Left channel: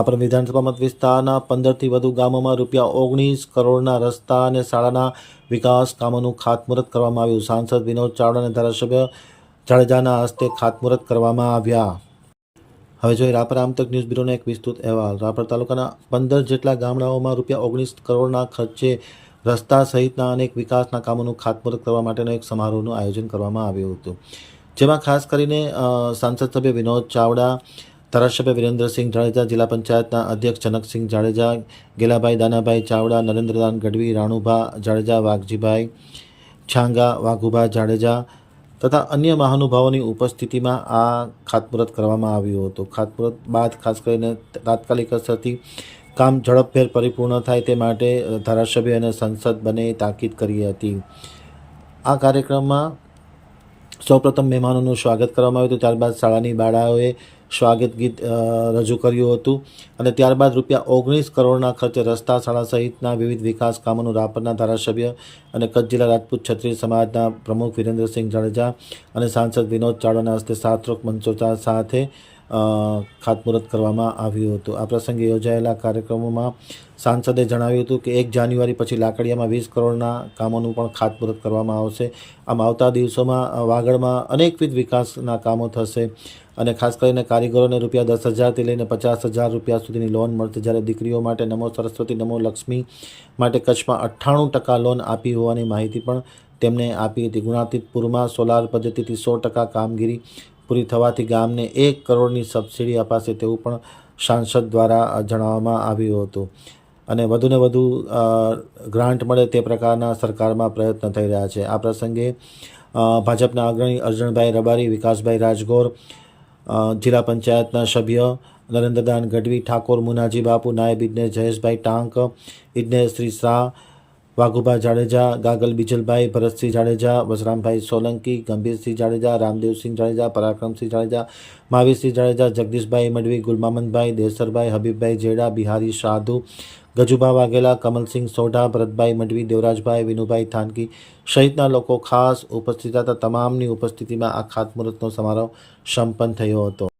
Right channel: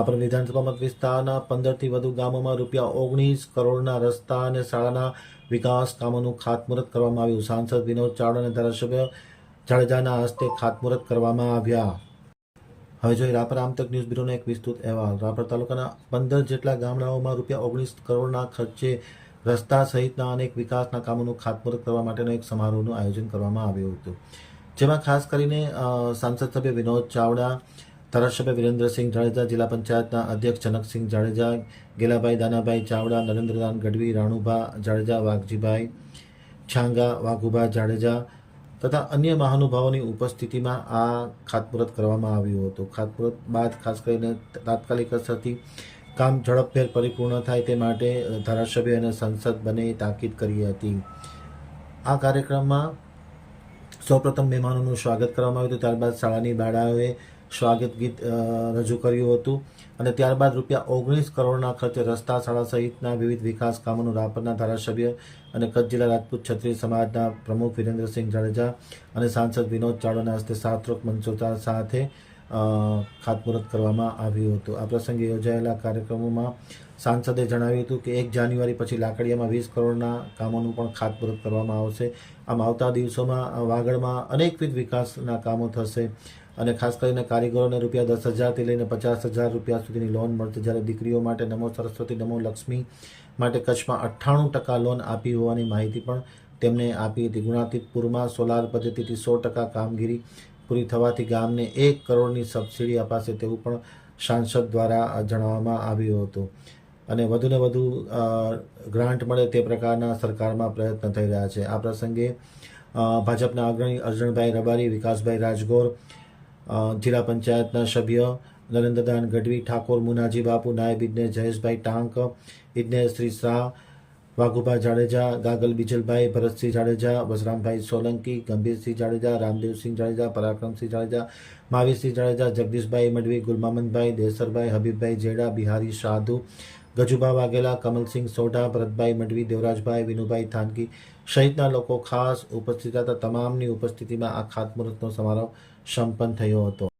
રાપર વિધાનસભા મત વિસ્તારના 15થી વધુ ગામોમાં ₹19 કરોડના રસ્તા અને શાળાના વિકાસ કામોનું ખાતમુહૂર્ત કરવામાં આવ્યું. સાંસદ વિનોદ ચાવડા અને ધારાસભ્ય જાડેજાના હસ્તે ખાતમુહૂર્ત કરવામાં આવ્યા. હવે જોઈએ રાપર આમતક ન્યૂઝ બ્યુરોનો એક વિસ્તૃત અહેવાલ. રાપર તાલુકાના 15 જેટલા ગામડાઓમાં ₹19 કરોડના ખર્ચે રસ્તા સહિતના અનેક વિકાસના કામોનું ખાતમુહૂર્ત કરવા માટેનો એક સમારોહનું આયોજન કરવામાં આવ્યું હતું, જેમાં ખાસ કરીને સાંસદ સભ્ય વિનોદ ચાવડા, ધારાસભ્ય વિરેન્દ્રસિંહ જાડેજા, જિલ્લા પંચાયતના અધ્યક્ષ જનકસિંહ જાડેજા, ગેલાભાઈ દાનાભાઈ ચાવડા, નરેન્દ્રદાન ગઢવી, રાણુભા જાડેજા, વાઘજીભાઈ છાંગા, વાઘુભા જાડેજા તથા અન્ય મહાનુભાવોની ઉપસ્થિતિમાં આ ખાતમુહૂર્ત કરવામાં આવ્યું હતું. ખાતમુહૂર્ત બાદ ખાસ કરીને તાત્કાલિક અસરથી કામ ઝડપભેર પરિપૂર્ણ થાય તે માટે ધારાસભ્ય અને સંસદ બંને તાકીદ કરી હતી. આ કાર્યક્રમમાં સૌપ્રથમ મહેમાનોનું સ્વાગત કરવામાં આવ્યું હતું. ત્યારબાદ શાળાની બાળાઓએ સ્વાગત ગીત રજૂ કર્યું હતું અને ત્યારબાદ ₹19 કરોડના ખર્ચે રસ્તા, શાળા સહિતના વિવિધ વિકાસ કામોનું રાપરના ધારાસભ્ય અને કચ્છ જિલ્લા રાજપૂત ક્ષત્રિય સમાજના પ્રમુખ વિરેન્દ્રસિંહ જાડેજા અને સાંસદ વિનોદ ચાવડાના હસ્તે શાસ્ત્રોક્ત મંત્રોચ્ચાર સાથે ખાતમુહૂર્ત કરવામાં આવ્યું હતું. આ પ્રસંગે યોજાયેલા કાર્યક્રમોમાં સાંસદે જણાવ્યું હતું કે 1 જાન્યુઆરી પછી લાકડીયામાં 20 કરોડના કામોનું પણ ખાતમુહૂર્ત કરવામાં આવશે. આમ આવતા દિવસોમાં વાગડમાં અનેકવિધ વિકાસના કામો થશે અને ખાસ કરીને કારીગરોને ₹10,000થી લઈને ₹50,000 સુધીની લોન મળશે. જ્યારે દીકરીઓ માટે નમો સરસ્વતી, નમો લક્ષ્મી માટે કચ્છમાં 98% લોન આપી હોવાની માહિતી પણ તેમણે આપી હતી. ગુણાતીતપુરમાં સોલાર પદ્ધતિથી 100% કામગીરી પૂરી થવાથી ગામને 1 કરોડની સબસિડી અપાશે તેવું પણ સાંસદ દ્વારા જણાવવામાં આવ્યું હતું અને વધુને વધુ ગ્રાન્ટ મળે તે પ્રકારના સરકારમાં પ્રયત્ન થઈ રહ્યા છે. આ પ્રસંગે ભાજપના અગ્રણી અર્જણભાઈ રબારી, વિકાસભાઈ રાજગોર, જિલ્લા પંચાયતના સભ્ય નરેન્દ્રદાન ગઢવી, ઠાકોર મુનાજી બાપુ, નાયબ ઇજનેર જયેશભાઈ ટાંક, ઇજનેર શ્રી શાહ, વાઘુભા જાડેજા, ગાગલ બીજલભાઈ, ભરતસિંહ જાડેજા, વસરામભાઈ સોલંકી, ગંભીરસિંહ જાડેજા, રામદેવસિંહ જાડેજા, પરાક્રમસિંહ જાડેજા, મહાવીરસિંહ જાડેજા, જગદીશભાઈ મડવી, ગુલમામનભાઈ, દેસરભાઈ, હબીબભાઈ જેડા, બિહારી સાધુ, ગજુભા વાઘેલા, કમલસિંહ સોઢા, ભરતભાઈ મડવી, દેવરાજભાઈ, વિનુભાઈ થાનકી સહિતના લોકો ખાસ ઉપસ્થિત હતા. તમામની ઉપસ્થિતિમાં આ ખાતમુહૂર્તનો સમારોહ સંપન્ન થયો હતો.